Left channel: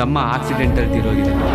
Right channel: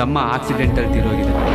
ತಮ್ಮ ಆಕ್ಸಿಡೆಂಟಲ್ಲಿ ತೀರೋಗಿದ್ದಾನೆ.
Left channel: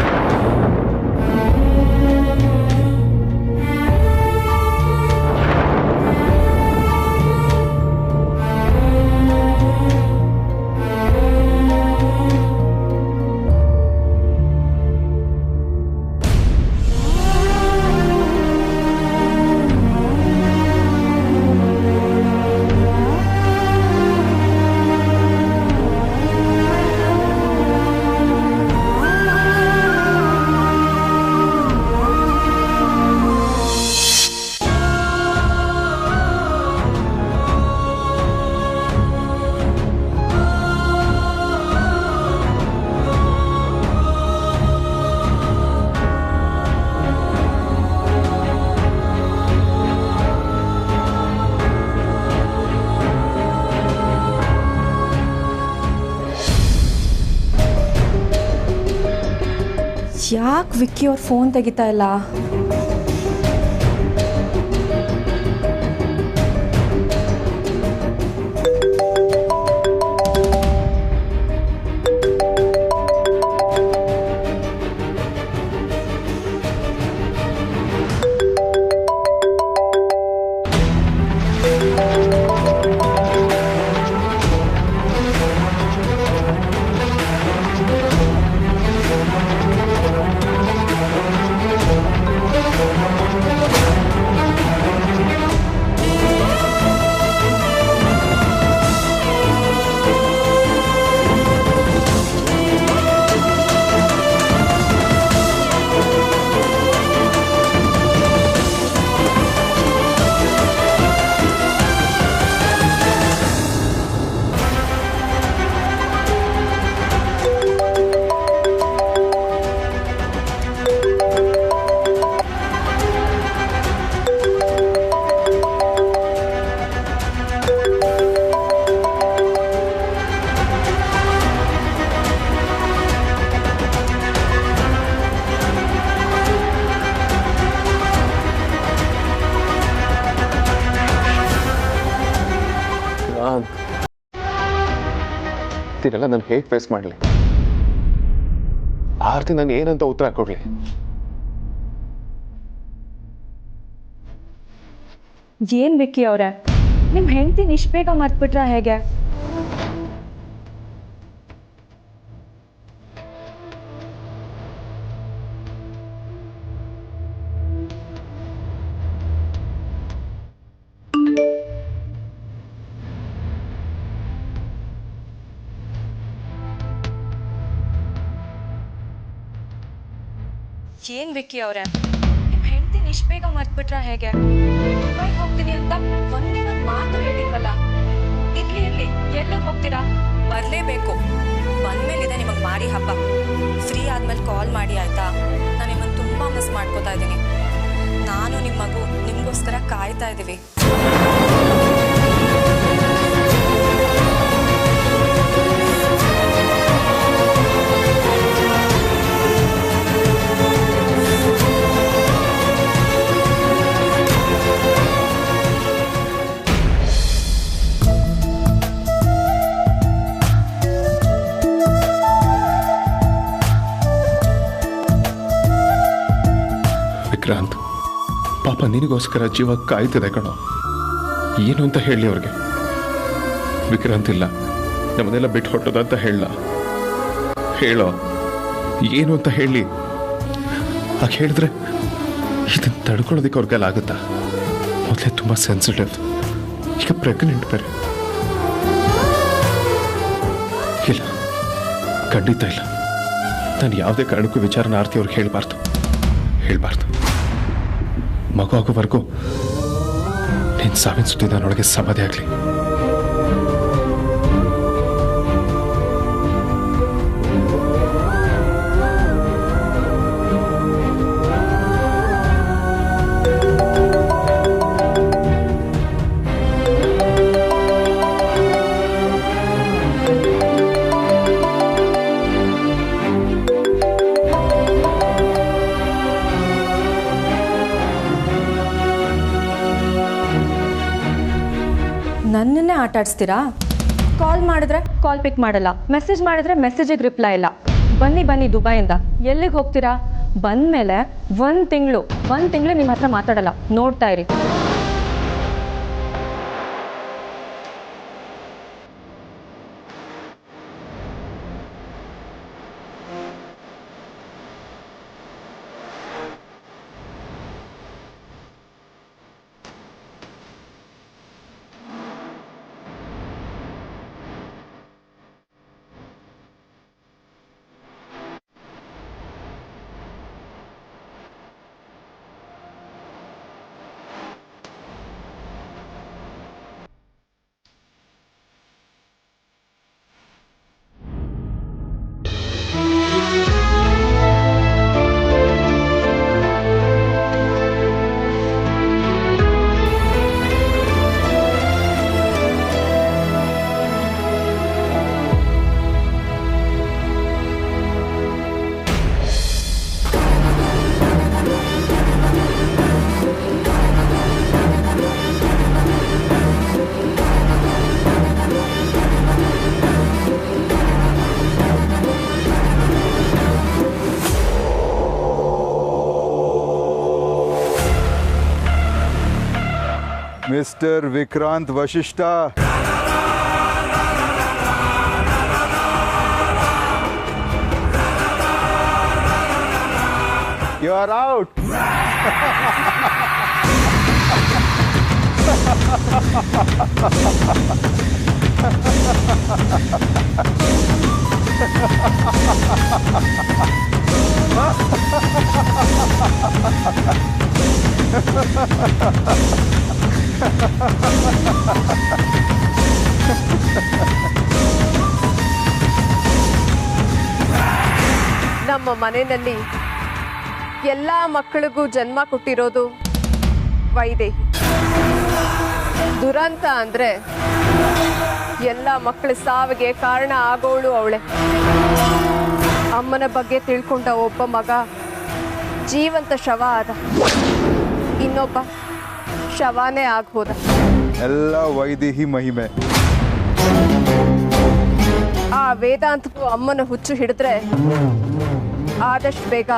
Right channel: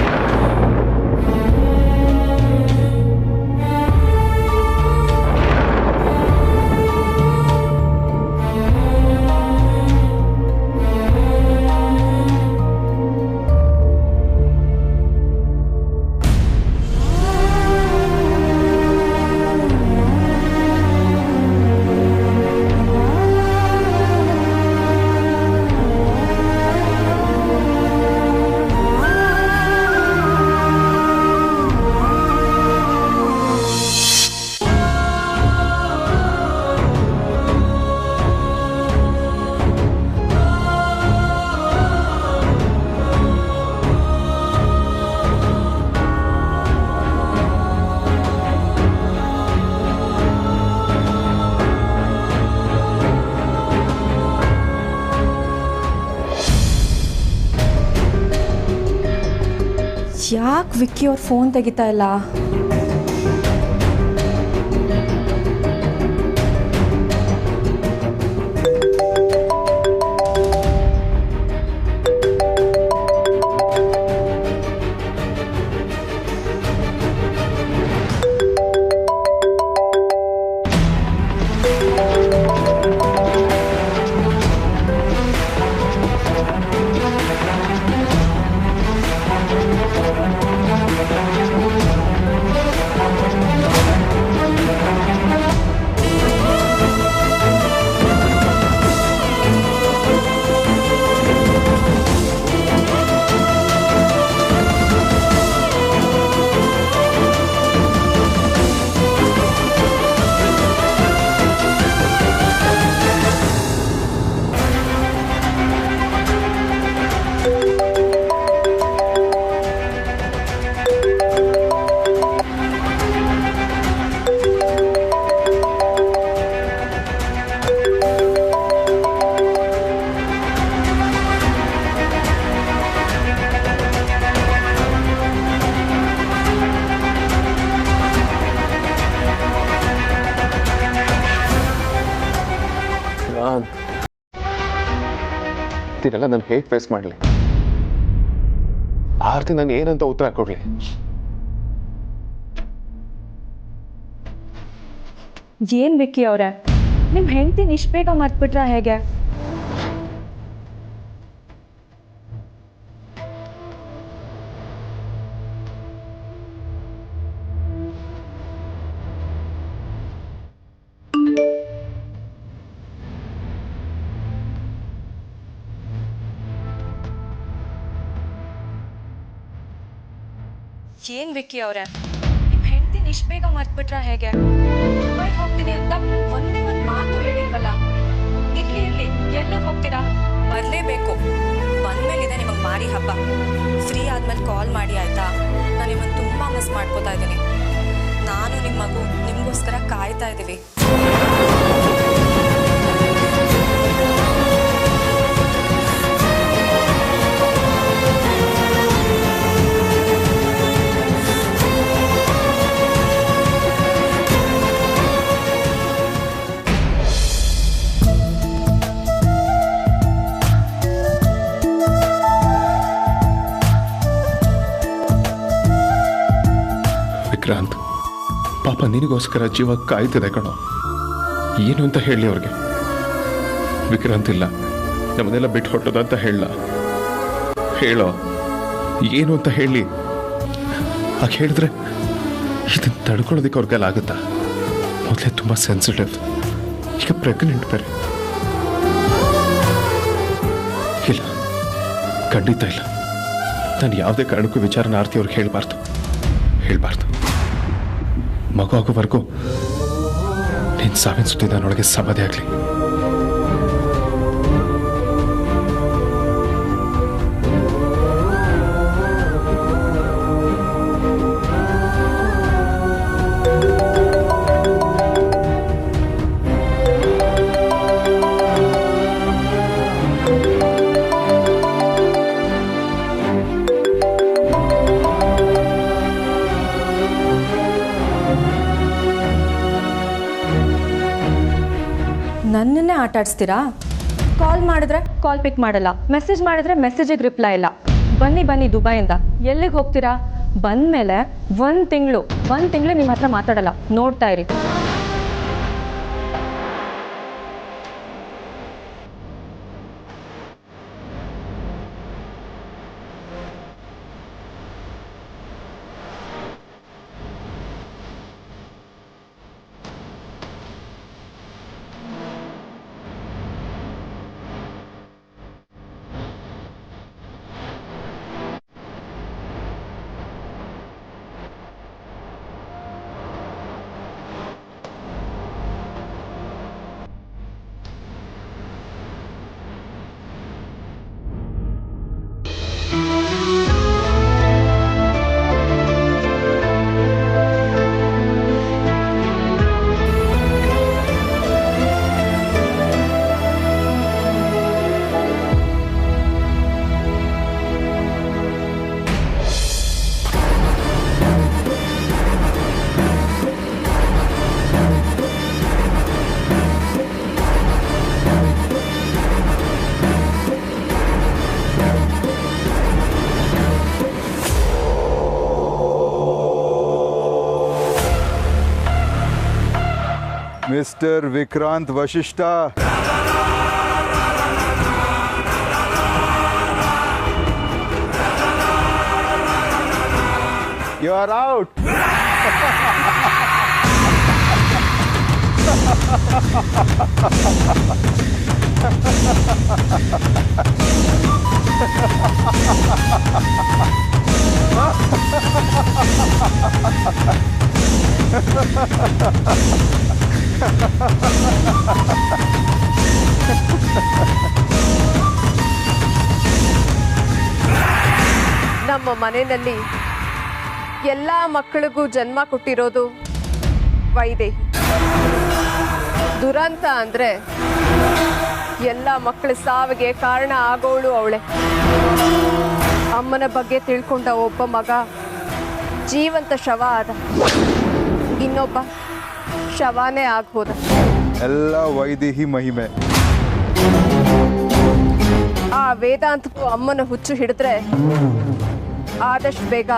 ಯಾಕೆ ವಿಕ್ಕಿ ಅವ್ರ ಫೋನ್ ತೆಗಿತಾ ಇಲ್ಲ? ಇದನ್ನೆಲ್ಲ ನಾನು ಹೇಗೆ ಫೇಸ್ ಮಾಡಲಿ? ಆರ್ತಿ ನಾನು ಏನಂತ ಉತ್ತರ ಕೊಡ್ಲಿ? ಏನ್ ವಿಕ್ಕಿ ಅವ್ರೆ, ನಿಮ್ಮ ಹೆಂಡತಿನ ಇಷ್ಟು ಬೇಗ ಮರ್ತ್ಬಿಟ್ರ ಹೇಗೆ? ಏನ್ ವಿಕ್ಕಿ ಅವ್ರೆ, ನಿಮ್ಮ ಹೆಂಡತಿನ ಇಷ್ಟು ಬೇಗ ಮರ್ತ್ಬಿಟ್ರ ಹೇಗೆ? ದುಬೈಗೆ ಹೋಗ್ತೀನಿ ಅಂತ ಒಂದೇ ಒಂದು ಮಾತು ಹೇಳಿಲ್ವಲ್ಲ? ಇರ್ಲಿ ಎಲ್ಲ ಹೋಗ್ತೀರಾ? ಬರಲೇಬೇಕು. ಬಂದ್ಮೇಲಿದೆ ನಿಮಗೆ ಮಾರಿ ಹಬ್ಬ. ಫ್ರೀ ಆದ್ಮೇಲೆ ಕಾಲ್ ಮಾಡಿ ಆಯ್ತಾ? ನಾನು ನಿಮ್ಮನ್ನು ತುಂಬ ಮಿಸ್ ಮಾಡ್ಕೋತಾ ಇದ್ದೀನಿ. ನಾನು ನಿಮ್ಮ ಮಗು ನಿಮಗೋಸ್ಕರ ಕಾಯ್ತಾ ಇದ್ದೀವಿ. ವಿಕ್ರಾಂತ್, ಪಾಪ ನಿನಗೋಸ್ಕರ ಜೀವ ಕಾಯ್ತಿದೆ ಕಣೋ. ಏನು ಅಂತ ಹೇಳಿ ಅವ್ರಿಗೆ? ವಿಕ್ರಾಂತ್ ಇಲ್ಲ, ನಮ್ಮನ್ನೆಲ್ಲ ಬಿಟ್ಟು ಹೊಟ್ಟೋದ ಅಂತ ಹೇಳೋ. ಏನು ಅಂತ ಹೇಳಿ? ಹಾಗೆ ಹೇಳಿದ್ರೆ ಇದನ್ನು ತಡ್ಕೊಳ್ಳೋದಕ್ಕೆ ಅವ್ರಿಗೆಲ್ಲ ಆಗುತ್ತಾ? ಮೊದಲೇ ತುಂಬ ಸೆನ್ಸಿಟಿವ್, ಈಗ ಪ್ರೆಗ್ನೆಂಟ್ ಬೇರೆ. ಇಲ್ಲ, ಖಂಡಿತ ಇಲ್ಲ. ನಾನು ಯಾವುದೇ ಕಾರಣಕ್ಕೂ ವಿಚಾರನ ಆರ್ತಿ ಅವ್ರಿಗೆ ಹೇಳಬಾರ್ದು. ಮಗು ಆಗೋವರೆಗೂ ನೀನು ಸಾವಿನ ಸುದ್ದಿ ನನ್ನೊಳಗೆ ಸಮಾಧಿ ಆಗಲಿ. ನನ್ನನ್ನೇ ಆಟ ಆಡಿಸ್ತೀರಾ? ಕಾಲ್ ಮಾಡಿದ್ರೆ ಕಾಲ್ ಪಿಕ್ ಮಾಡಲ್ಲ, ಮೆಸೇಜ್ ಮಾಡಿದ್ರೆ ಮೆಸೇಜಿಗೆ ರಿಪ್ಲೈ ಇಲ್ಲ. ಬನ್ನಿ ಬನ್ನಿ ದುಬೈಯಿಂದ. ಎಲ್ಲಿಗೆ ಹೋಗ್ತೀರಾ? ಬಂದಮೇಲೆ ಒಂದು ತಿಂಗಳು ನಿಮ್ಮ ಹತ್ರ ಮಾತಾಡಲ್ಲ, ನೋಡ್ತಾ ಇರಿ. Mister Vikrant Vashishtha, you are out. ನಮ್ಮ ಮನೆಯಲ್ಲಿ ಎಲ್ಲ ಮಕ್ಕಳಿಗೂ ಜನ್ಮ ಕೊಟ್ಟಿರೋದು ವೈದೇಹಿ. ದುರಂತ ಅಂದ್ರೆ ಎಲ್ಲ ಮಕ್ಕಳ ಸಾವಿಗೆ ಕಾರಣ ಆಗೋಳು ಅವಳೆ. ಅಮ್ಮನ ಬಗ್ಗೆ ತಿಳ್ಕೊಂಡ ಒಬ್ಬ ಮಗ ಜೀವಂತ ಶವ ಆದ, ಇನ್ನೊಬ್ಬ ಶವಾನೇ ಆಗೋದ. ಎಲ್ಲ ವೈದೇಹಿ ಮಹಿಮೆ. ಆ ವೇದಾಂತಕ್ಕೂ ಅಮ್ಮನ ಹುಚ್ಚು ಹಿಡಿದ್ರೆ ಆದಷ್ಟು ಬೇಗ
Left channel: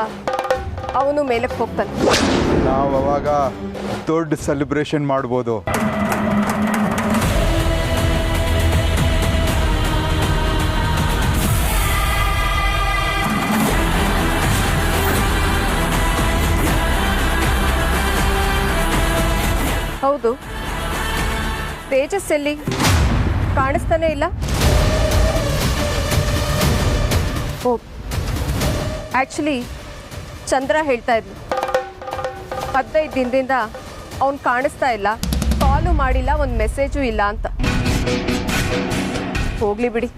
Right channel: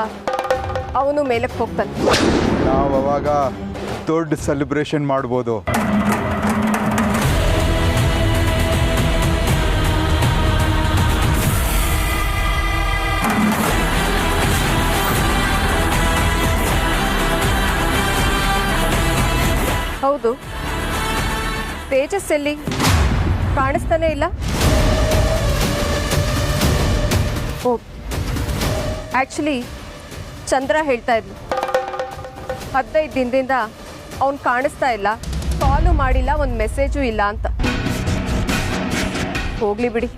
ಅವನು ಮೇಲಕ್ಕೆ ಹೋಗ್ತಾನೆ. ನಾವು ಅವಾಗ ದೊಡ್ಡ ಸೆಲೆಬ್ರೇಷನ್ ಮಾಡ್ಬೋದು. ಹೌದು, ತೇಜಸ್ ಎಲ್ಲಿ? ಕಾಣಿಸ್ತಾನೆ ಇಲ್ಲ. ಓ, ಆ್ಯಕ್ಚುಲಿ ಚಂದ್ರ ಹೇಳ್ತಾ ಇದ್ಲು 15 ದಿನದಿಂದ ಅವನು ಕಾಣಿಸ್ತಾ ಇಲ್ಲ, ಕಾಲು ಮಾಡಿಲ್ಲ, ಒಂದು ಮೆಸೇಜು ಇಲ್ಲ ಅಂತ. ಹೋಗ್ಲಿ ಬಿಡಿ,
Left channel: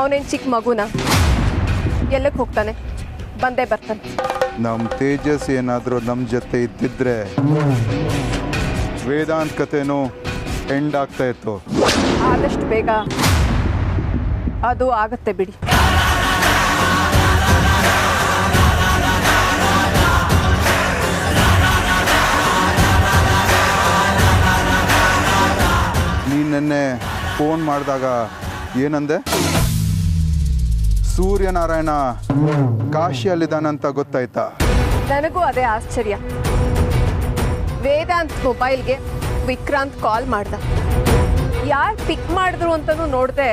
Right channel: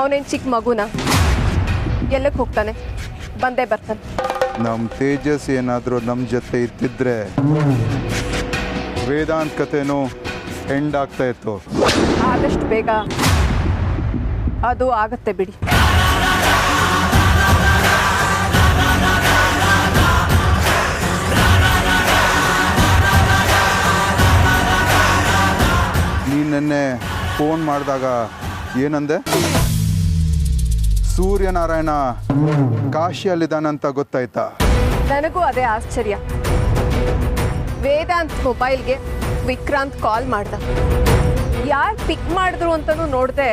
ಅವನೇನು ಚಿಕ್ಕ ಮಗುನ, ಎಲ್ಲಕ್ಕೆ ಹೋಗ್ತಾನೆ, ಬಂದೇ ಬರ್ತಾನೆ. ನಮ್ಮ ತೇಜಸ್ ಏನಾದರೂ ನಮ್ಮ ಜೊತೆ ಇದ್ದಿದ್ರೆ ವೇದಾಂತ್ ಕಥೆನೂ ಎಂಡ್ ಆಗ್ತಾ ಇತ್ತು. ಆದಷ್ಟು ಬೇಗ ಅದು ಆಗತ್ತೆ ಬಿಡಿ. ನೀನು ನೆನ್ನೆ ಫೋನ್ ಮಾಡಿದಾಗ ಏನಂದೆ? ಸೂರ್ಯನಾರಾಯಣ ಕಾಶಿಯಲ್ಲಿದ್ದಾನಂತ ಗೊತ್ತಾಯ್ತಾ? ನನಗೂ ಅದೇ ಆಶ್ಚರ್ಯ. ವೇದಾಂತ್ ಮೊಬೈಲ್ಗೆ ವಿಕ್ರಾಂತ್ ಕಾಲ್ ಮಾಡ್ದ. ಯಾರು ಪಿಕ್ ಮಾಡಿದ್ರು ಅಂತಲೂ ನೋಡಿದೆ,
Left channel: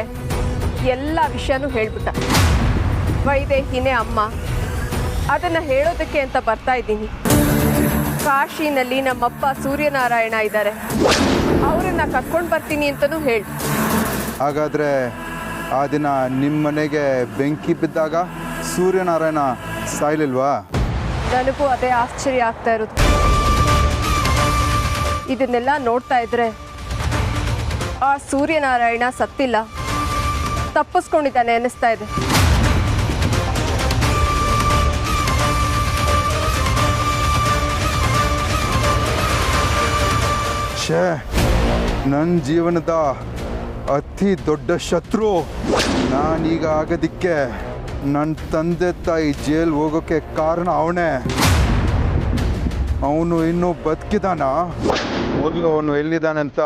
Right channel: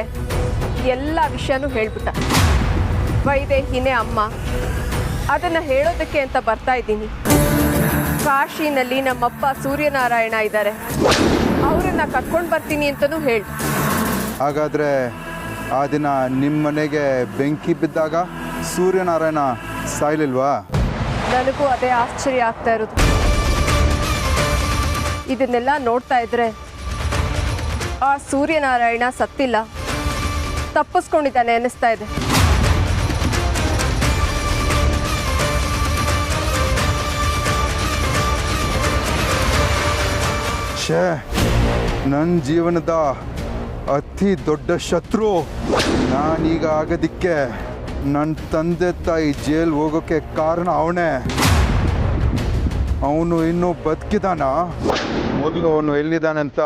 ಎಲ್ಲ ವಿಷಯನೂ ಹೇಳ್ಬಿಟ್ಟ. ವೈದೇಹಿನೇ ಅಮ್ಮ, ಅದನ್ನು ಹೇಳೋದಕ್ಕೆ ಅಂತ ಬರ್ತಾ ಇದ್ದೀನಿ. ಕಾಶಿನಲ್ಲಿ ನಮ್ಮಪ್ಪ ಸೂರ್ಯನಾರಾಯಣ ಇದ್ದಾರೆ, ಅವರನ್ನು ಕರ್ಕೊಂಡು ಬರ್ತೀನಿ ಅಂತಲೂ ಹೇಳಿ. ಹಾಗಾದರೆ ಆ ದಿನ ನಿಮ್ಮ ಮನೆಗೆ ಬೆಂಕಿ ಬಿದ್ದಾಗ ಸೂರ್ಯನಾರಾಯಣ ಸಾಯ್ಲಿಲ್ವಾ? ನನಗೂ ಅದೇ ಆಶ್ಚರ್ಯ ಆಗ್ತಾ ಇರೋದು. ಇದನ್ನೆಲ್ಲ ನೋಡ್ತಾ ಇದ್ರೆ ಆ ಸೂರ್ಯನಾರಾಯಣ ಸತ್ತಿಲ್ಲ, ತಪ್ಪಿಸ್ಕೊಂಡಿದ್ದಾನೆ ಅನ್ನಿಸ್ತಾ ಇದೆ. ಛೇ, ನನ್ನ ಜೀವನದ ಅತಿ ದೊಡ್ಡ ಶತ್ರು ನಾನೀಗ ಆಗೋದಿಕ್ಕೆ ನನ್ನ ತಂದೆ ತಾಯಿ ಜೈಲ್ ಹೋಗೋಕ್ಕೆ ಕಾರಣ ಅವನೇ. ಅವನು ಇನ್ನೂ ಬದುಕಿದಾನ? ಮೊದಲು ಅವನು ಎಲ್ಲಿದ್ದಾನಂತ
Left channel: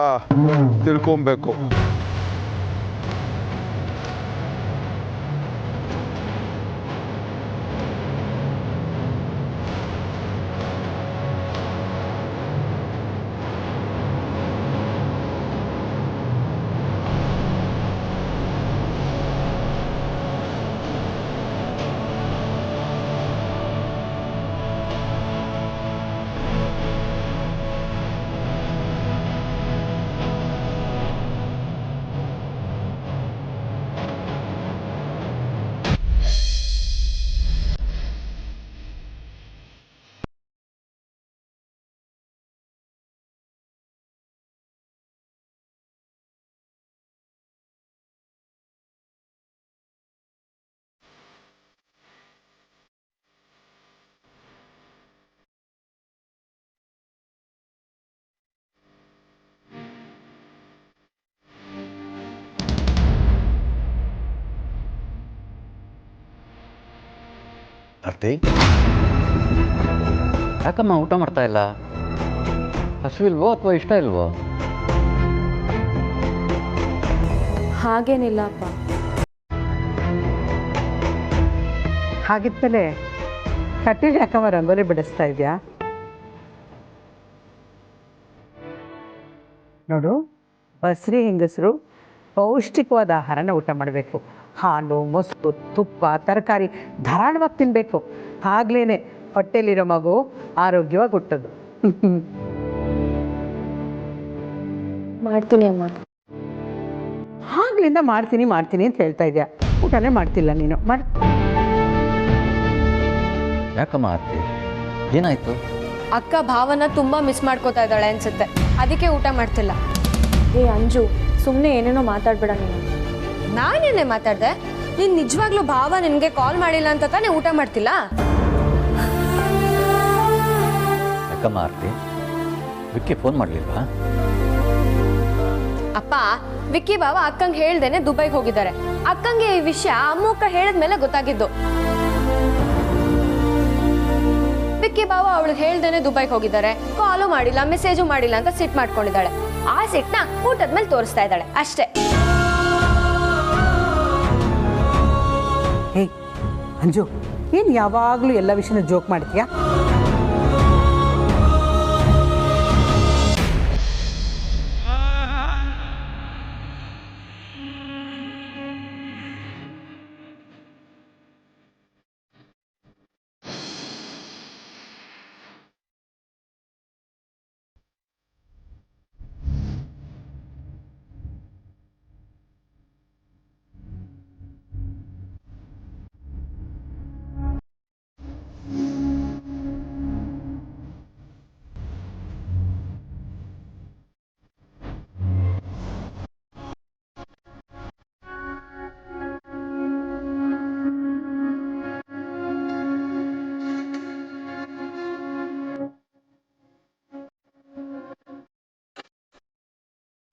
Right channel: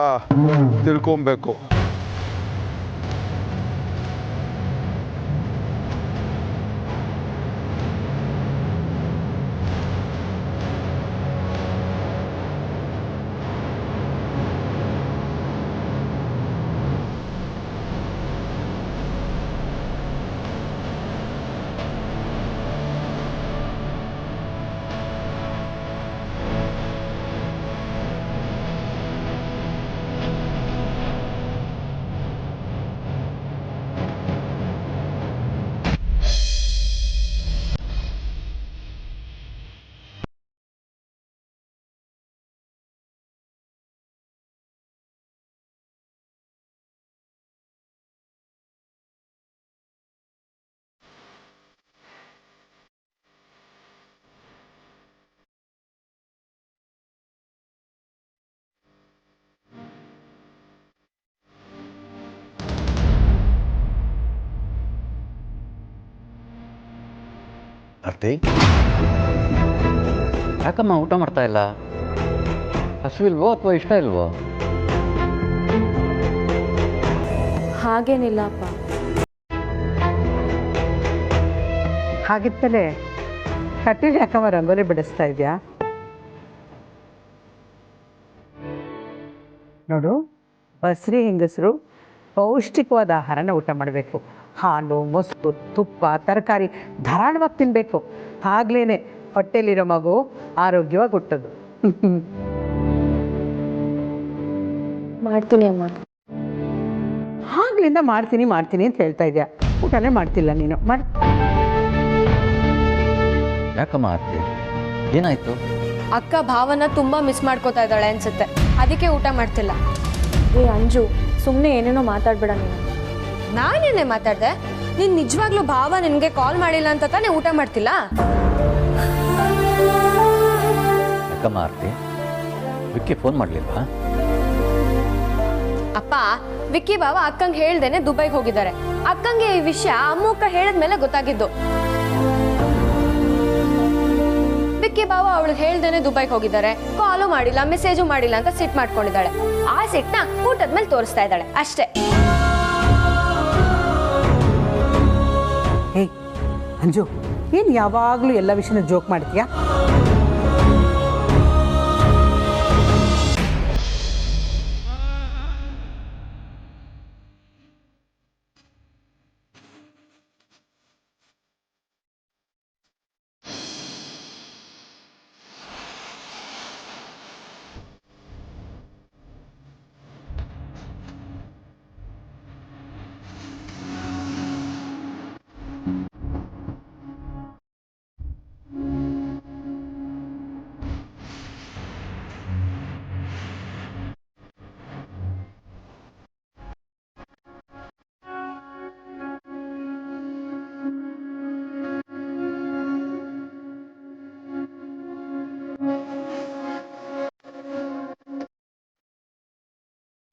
ತಿಳ್ಕೊಬೇಕು. ಆರ್ತಿ, ಯಾಕಮ್ಮ ಊಟ ಮಾಡ್ತಾ ಇಲ್ಲ? ಹಸುವಿಲ್ವೋ ಅಥವಾ ಇಷ್ಟ ಇಲ್ವೋ? ಹಾಗೇನಿಲ್ಲ ಅಪ್ಪ. ಹಾಗಿದ್ಮೇಲೆ ಕಟ್ಟಿಗೆ ಯಾಕಮ್ಮ ರಂಗೋಲಿ ಬಿಡಿಸ್ತಾ ಇದೆಯಾ? ನೋಡು, ಬಸ್ರಿ ಹೆಂಗಸರು ಪೌಷ್ಟಿಕವಾದ ಆಹಾರನ ಊಟ ಮಾಡಬೇಕು. ಹಾಲು, ಮೊಸರು, ತುಪ್ಪ, ತರಕಾರಿ ಧಾರಾಳವಾಗಿ ತಿನ್ನಬೇಕು. ಆಗ್ಲೇ ಹೊಟ್ಟೆಲಿರೋ ಮಗು ಆರೋಗ್ಯವಾಗಿ ಹುಟ್ಟೋದು. ಮಾಡ್ತೀನಿ ಅಮ್ಮ. ಆಗ್ಲಿಂದ ಮಾಡ್ತೀನಿ ಅಂತ ಹೇಳ್ತಾ ಇದೆಯಾ, ಊಟನೇ ಮಾಡ್ತಿಲ್ಲ ನೀನು. ಯಾಕಮ್ಮ ಆರ್ತಿ, ಏನಾಯ್ತು? ಅಕ್ಕ ಭಾವನ ತುಂಬಾ ಮಿಸ್ ಮಾಡ್ಕೋತಾ ಇದ್ದಾಳೆ ಅನ್ಸುತ್ತೆ, ಅದಕ್ಕೆ ಊಟ ಮಾಡ್ತಿಲ್ಲ. ಏ ಅಂಜು, ಸುಮ್ಮನೆ ಏನೇನೋ ಮಾತಾಡ್ಬೇಡ ನೀನು. ನಾನೇನೇ ಮಾತಾಡ್ದೆ? ನೀನ್ ನಿಜವಾಗ್ಲೂ ಭಾವ ನಿನ್ಗೆ ಕಾಲ್ ಮಾಡಿಲ್ಲ ಅಂತ ತಾನೇ ಊಟ ಮಾಡ್ತಿಲ್ಲ? ಯಾಕಮ್ಮ ಆರ್ತಿ, ವಿಕ್ಕಿ ಫೋನ್ ಮಾಡಲಿಲ್ವಾ? ಅಪ್ಪ, ವಿಕ್ಕಿ ಬಾವ ಅಕ್ಕಂಗೆ ಹೇಳ್ದೇನೆ ದುಬೈಗೆ ಹೋಗಿದ್ದಾರೆ. ಅಕ್ಕಂಗೆ ಈ ವಿಷಯ ಅಮ್ಮಕ್ಕ ಹೇಳಿದ್ಮೇಲೆ ಗೊತ್ತಾಗಿದ್ದು. ವಿಕ್ಕಿ ಬಾವ ಅವಳಿಗೆ ಹೇಳ್ದೇನೆ ದುಬೈಗೆ ಹೋಗಿದ್ದಾರೆ, ಕಾಲು ಮಾಡಿಲ್ಲ, ಮೆಸೇಜು ಮಾಡಿಲ್ಲ ಅಂತ ಸಿಟ್ ಮಾಡ್ಕೊಂಡಿದ್ದಾಳೆ. ಆ ಸಿಟ್ನ ಊಟದ ಮೇಲೆ ತೋರಿಸ್ತಾ ಇದ್ದಾಳೆ ಅಷ್ಟೇ. ಹೇ ಅಂಜು, ಏನು ಯಾವಾಗಲೂ ಎಲ್ಲ ವಿಷಯನ ಜೋಕ್ ಮಾಡ್ತೀಯಾ?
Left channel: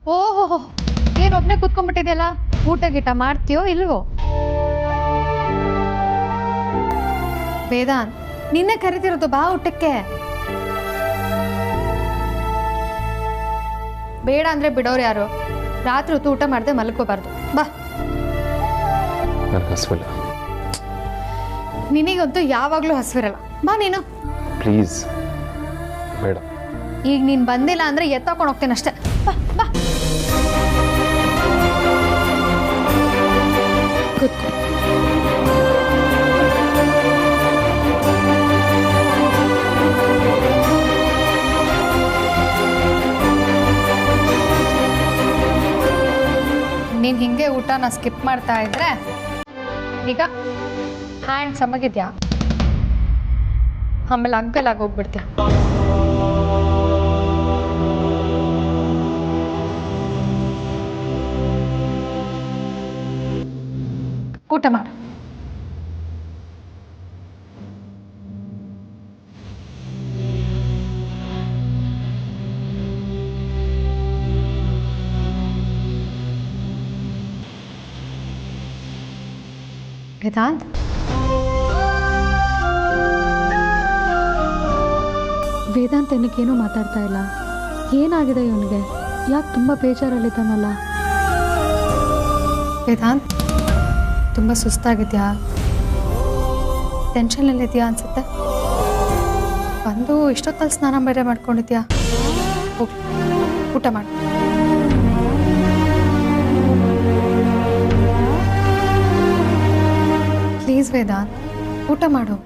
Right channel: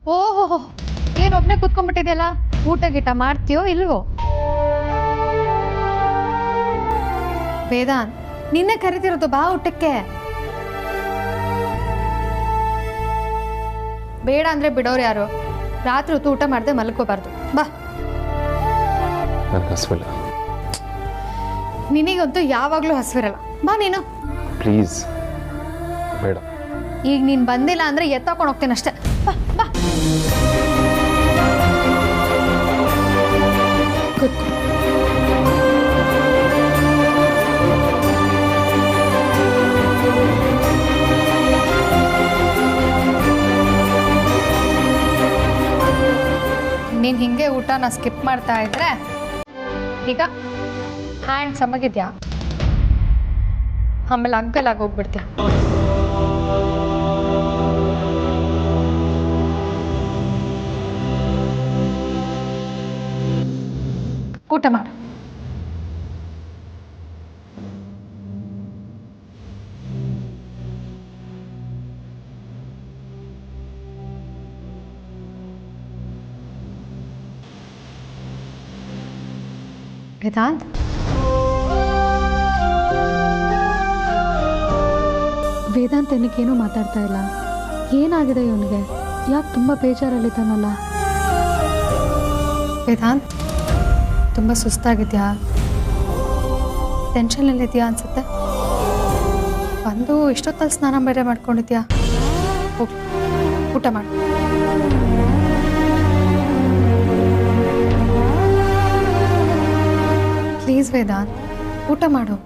ಓಹೋ, ಏನ್ ಒಬ್ನೇ ಕುತ್ಕೊಂಡ್ಬಿಟ್ಟಿದೆಯಲ್ಲ? ಊಟ ಗೀಟ ಮಾಡ್ತೀಯೋ ಇಲ್ವೋ? ವೇದಾಂತ್, ನಿನ್ನೆ ಕರಿತಿರೋದು, ಬಾ ಊಟಕ್ಕೆ. ಬೇಡ ಅಂದ್ರೆ ಬಿಡೋರು ಯಾರು? ರಾತ್ರಿ ಹೊತ್ತು ಊಟ ಮಾಡದೆ ಮಲ್ಕೋಬಾರ್ದು. ಬಾ. ನನಗೆ ಹಸುವಿಲ್ಲ. ನಿನಗಂತೂ ಯಾವಾಗ್ಲೂ ಹಸಿವಿರಲ್ಲ. ಬಾ ನೀನು. ಪ್ಲೀಸ್ ಬೇಡ. ಈಗ ನೀನ್ ಬಂದಿಲ್ಲ ಅಂದ್ರೆ ಎತ್ತಾಕೊಂಡು ಹೋಗ್ತೇನೆ ಅಷ್ಟೇ. ಬಾ ಬಾ. ಕೂತ್ಕೋ. ನೀನ್ ಹಿಂಗೆ ಊಟನ ಸ್ಕಿಪ್ ಮಾಡ್ತಾ ಇದ್ರೆ ಈಗ ಹ್ಯಾಂಡ್ ಸಮಗಿದ್ಯಾ, ಆಮೇಲೆ ಅಂಕಲ್ ಆಗೋಗ್ಬಿಡ್ತೀಯ. ಊಟ ಮಾಡು. ವೇದಾಂತ್, ವೇದಾಂತ್ ಏನಕ್ಕೇನೂ ಮಾತಾಡ್ತಾ ಇಲ್ಲ. ಏನಾಗಿದೆ ಇವನಿಗೆ? ಯಾಕೆ ತುಂಬ ಬೇಜಾರಲ್ಲಿದ್ದಾನಲ್ಲ? ವೇದಾಂತ್, ತುಂಬ ಸುಸ್ತಾಗಿದ್ಯಾ? ಟೆನ್ಷನಲ್ಲಿದೆಯಾ ಅನ್ಸುತ್ತೆ. ಬಂದು ಇಷ್ಟೊತ್ತಲ್ಲಿ ಸ್ನಾನ ಬೇರೆ ಮಾಡ್ಕೊಂಡಿದ್ಯಾ? ಹೋಗಿ ಊಟ ಮಾಡು. ಪ್ಲೀಸ್ ವೇದಾಂತ್, ಊಟ ಮಾಡು.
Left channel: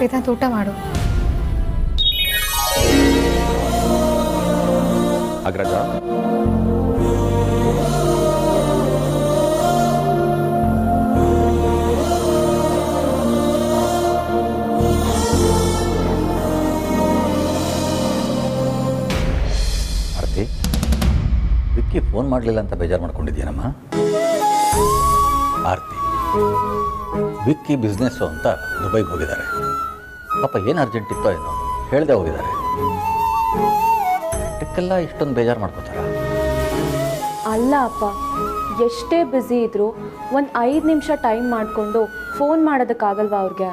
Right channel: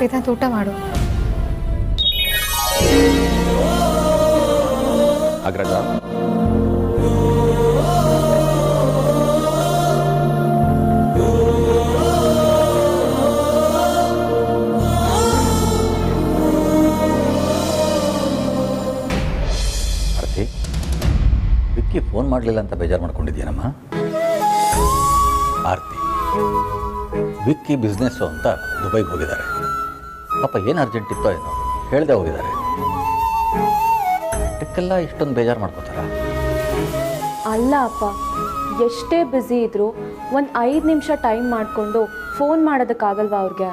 ವೇದಾಂತ್, ಊಟ ಮಾಡು. ಅಗ್ರಜ, ಆರ್ತಿ, ವಿಕ್ಕಿ ಫೋನ್ ಫೋನ್ ಮಾಡಲಿಲ್ಲ ಅಂತ ಬೇಜಾರು ಮಾಡ್ಕೊಂಡಿದ್ದೀನಮ್ಮ. ಆರ್ತಿ ವಿಕ್ಕಿ ಬಿಸ್ನೆಸ್ಸು ಅಂತ ದುಬೈಗೆ ಹೋಗಿದ್ದಾರೆ. ಪಾಪ ಏನು ಅರ್ಜೆಂಟ್ ಇತ್ತೋ ಏನೋ ಹೇಳ್ದೆ ಹೋಗಿದ್ದಾರೆ. ಅದಕ್ಕೆಲ್ಲ ಇಷ್ಟೊಂದು ಬೇಜಾರು ಮಾಡ್ಕೋತಾರ? ಅಲ್ಲ ಅಪ್ಪ, ಎಷ್ಟೇ ಬ್ಯುಸಿ ಇದ್ರು ಒಂದು 5 ನಿಮಿಷ ಟೈಮ್ ಮಾಡಿಕೊಂಡು ಫೋನ್ ಮಾಡೋದಕ್ಕಾಗಲ್ವಾ ಅವ್ರಿಗೆ?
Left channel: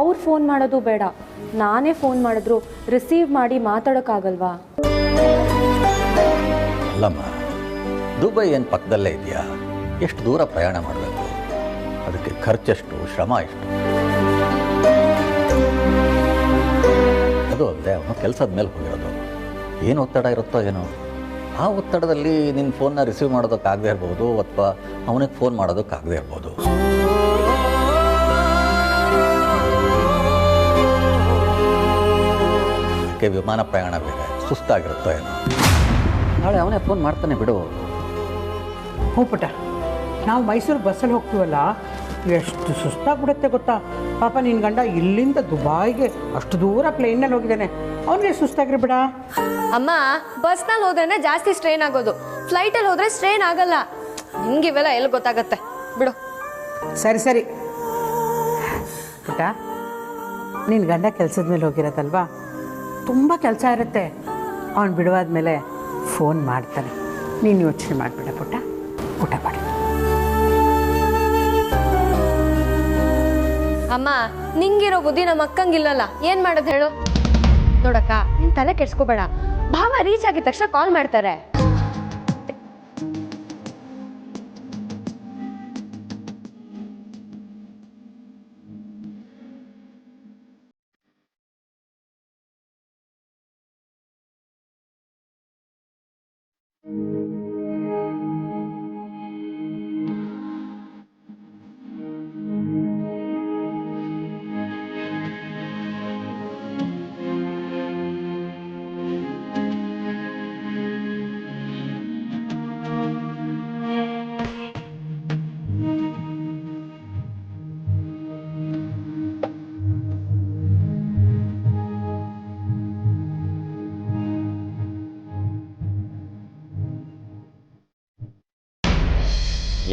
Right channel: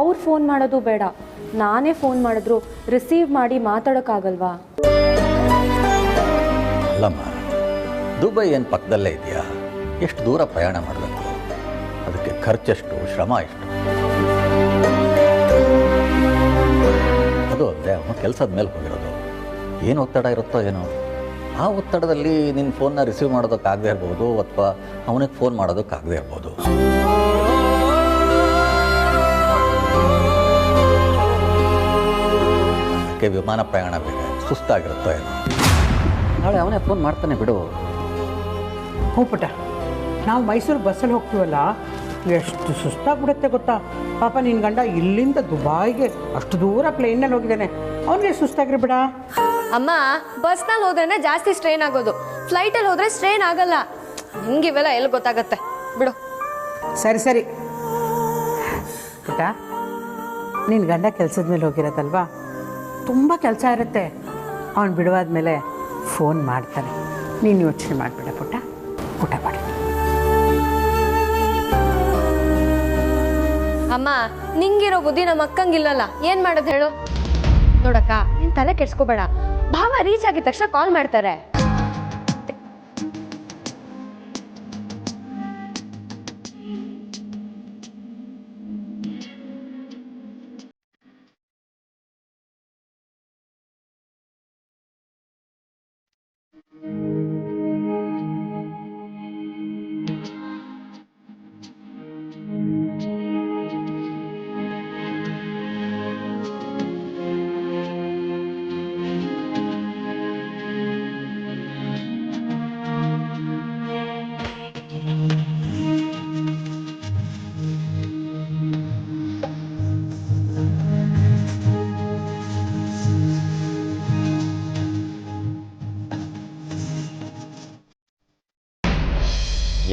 ಅವ್ರು ಫೋನ್ ಮಾಡೋದು ಬೇಡ, ನಾನೇ ಫೋನ್ ಮಾಡಿದ್ರು ರಿಸೀವ್ ಮಾಡಿ ಮಾತಾಡೋಕ್ಕಾಗಲ್ವಾ? ಅಲ್ಲಮ್ಮ, ದುಬೈ ಏನು ಪಕ್ಕದಲ್ಲೇ ಇದೆಯಾ? ಎಷ್ಟು ದೂರ ಪ್ರಯಾಣ ಮಾಡಬೇಕು? ಅದಕ್ಕೆ ಖರ್ಚೆಷ್ಟು, ಶ್ರಮ ಎಷ್ಟು? ಅದು ಅಲ್ಲದೆ ಅವನು ಕೆಲಸದ ಮೇಲೆ ಹೋಗಿರೋದು. ಏನು ಒತ್ತಡ ಇರುತ್ತೋ ಏನೋ, ಆ ಒತ್ತಡದಲ್ಲಿ ನಿನ್ನ ಫೋನ್ನ ರಿಸೀವ್ ಮಾಡೋದಕ್ಕಾಗದೇ ಇರ್ಬೋದು, ಅಥವಾ ಅವನಿಗೆ ಫೋನ್ ಮಾಡೋದಕ್ಕಾಗದೇ ಇರ್ಬೋದು. ಅದಕ್ಕೆ ವಿಮಾನ ಪ್ರಯಾಣ ಬೇರೆ, ಸುಸ್ತಾಗಿರುತ್ತೋ ಏನೋ. ನಾಳೆ ಅವನೇ ಫೋನ್ ಮಾಡ್ತಾನೆ ಬಿಡು. ಹ್ಞೂ ಪುಟ್ಟ, ನಾವು ಮೈಸೂರು ಬಸ್ಸಲ್ಲಿ ಹೋಗ್ತೀವಲ್ಲ, ಎಷ್ಟು ಸುಸ್ತಾಗ್ಬಿಡುತ್ತೆ ಗೊತ್ತಾ? ಪಾಪ ನಿನ್ನ ಗಂಡ ಇಲ್ಲಿಂದ ದುಬಾಯಿಗೆ ಅಷ್ಟು ದೂರ ಪ್ಲೇನಲ್ಲಿ ಹೋಗಿದ್ದಾನೆ, ಅವನಿಗೆ ಸುಸ್ತಾಗ್ರಿ ಬಿಡ. ಅಮ್ಮ, ಬಸ್ನಲ್ಲಿ ಹೋದ್ರೆ ಜಾಸ್ತಿ ಸ್ಟ್ರೈನ್ ಆಗೋದು, ಫ್ಲೈಟಲ್ಲಿ ಹೋದ್ರೆ ಸ್ಟ್ರೈನ್ ಆಗಲ್ಲ. ನಿಮ್ಗೆ ಇವೆಲ್ಲ ಎಲ್ಲಿ ಗೊತ್ತಾಗತ್ತೆ ಬಿಡು. ಸರಿ ಸರಿ ಪುಟ್ಟ, ನಿನ್ನ ಗಂಡ ಕೆಲಸದ ಮೇಲೆ ಹೋಗಿರತ್ತಲ್ವಾ, ತುಂಬ ಕೆಲಸ ಇರುತ್ತೆ. ಅವನು ಬಿಡುವಾದ್ಮೇಲೆ ಫೋನ್ ಮಾಡ್ತಾನೆ. ನೀನು ಯೋಚನೆ ಮಾಡಿಬಿಡ ಪುಟ್ಟ, ಊಟ ಮಾಡಿ. ಅಮ್ಮ, ನಿಂಗಿರೋ ಬುದ್ಧಿ ನಮ್ಮ ಅಕ್ಕಂಗಿಲ್ಲಲ್ಲ, ಏನು ಮಾಡೋದು ಹೇಳು? ನೋಡಕ್ಕ, ನೀನು ತಲೆ ಕೆಡ್ಸ್ಕೋಬೇಡ. ಭಾವ ರೀಚ್ ಆಗಿದ ತಕ್ಷಣ ಕಾಲ್ ಮಾಡ್ತಾರೆ.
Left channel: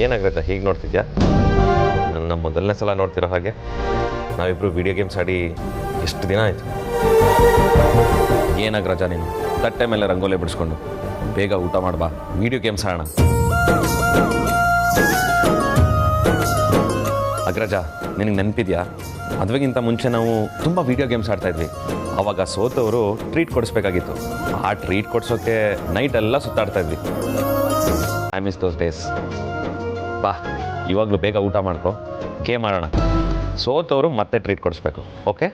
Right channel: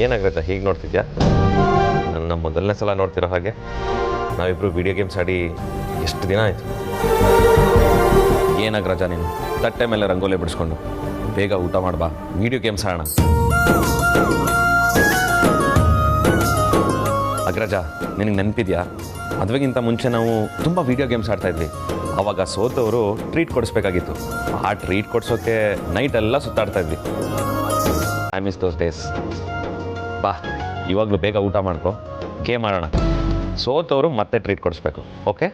ಏನಾಗ್ರಜ ಹೀಗೆ ನೋಡ್ತಿದ್ಯಾ? ನನ್ನ ಮೊದಲನೇ ಸಲ ನೋಡ್ತಿರೋ ಹಾಗೆ. ನಾವಿಬ್ಬರು ವಿಡಿಯೋ ಗೇಮ್ಸ್ ಆಡಿ ಎಷ್ಟು ದಿನ ಆಯಿತು. ಏನಾಗ್ರಜ ನೀನು ತಟ್ಟೆ ಮೇಲೆ ರಂಗೋಲಿ ಬಿಡಿಸ್ಕೊಂಡು ಬೇಗ ಊಟ ಮಾಡ್ಬಾ, ವಿಡಿಯೋ ಗೇಮ್ಸ್ ಆಡೋಣ. ಅಗ್ರಜ, ನಿನಗೆ ನೆನಪಿದ್ಯಾ? ಮದುವೆಗಿಂತ ಮುಂಚೆ ನಾವು ತುಂಬ ವಿಡಿಯೋ ಗೇಮ್ಸ್ ಆಡ್ತಾಯಿದ್ವಿ. ಆವಾಗ ಸೋತವರು ಟ್ರೀಟ್ ಕೊಡಿಸ್ಬೇಕಾಗಿತ್ತು. ಆ ಟ್ರೀಟ್ ಕೊಡಿಸೋಕ್ಕೆ ನೈಟೆಲ್ಲ ಸುತ್ತಾಡ್ತಾಯಿದ್ವಿ. I miss those days. ಬಾ, ಇವಾಗಲೂ ಬೇಗ ಊಟ ಮಾಡ್ಕೊ, ಗೇಮ್ ಆಡೋಣ. ಸೋತವರು ಮತ್ತೆ ಟ್ರೀಟ್ ಕೊಡಿಸ್ಬೇಕು, ಓಕೆ?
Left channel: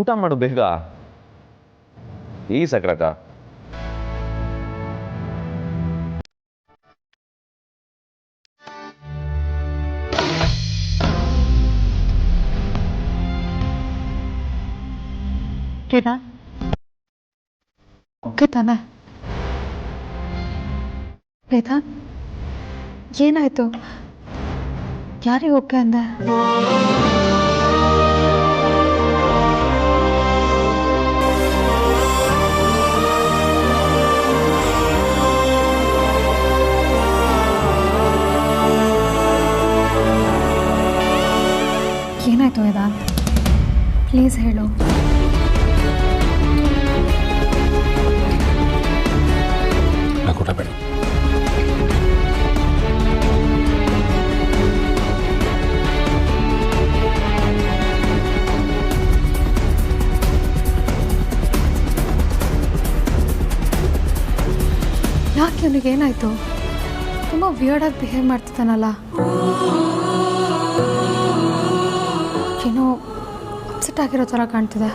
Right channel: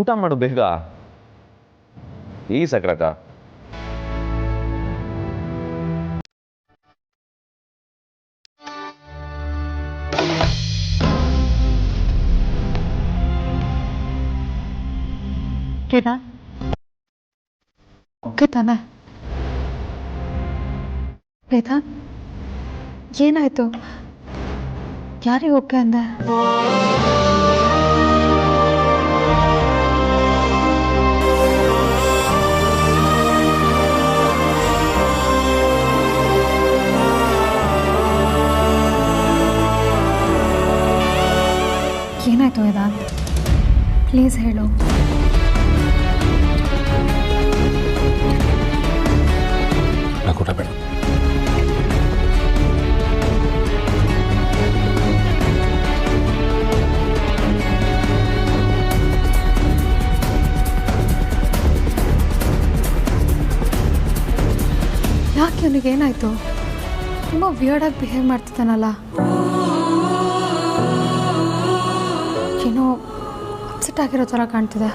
ಊಟ ಮಾಡು ಬೇಗ. ಈ ಸಕ್ರತ ಓಕೆ ತಾನೆ? ವೇದಾಂತ್, ಏನಾಯ್ತು? ಯಾರಿಗೆ ಓಕೆ ಅಂದೆ? ಏನಾಯ್ತು ವೇದಾಂತ್? ಪ್ಲೀಸ್ ಹೇಳು. ಊಟ ಬೇಡ. ಯಾಕೆ ಅವನಿಗೆ ಏನಾಯ್ತು? ತುಂಬ ವಿಯರ್ಡಾಗಿ ಬಿಹೇವ್ ಮಾಡ್ತಿದ್ದಾನಲ್ಲ. ಏನೋ ಅಪ್ಸೆಟ್ ಆಗಿರೋ ಥರ ಕಾಣ್ತಿದೆ.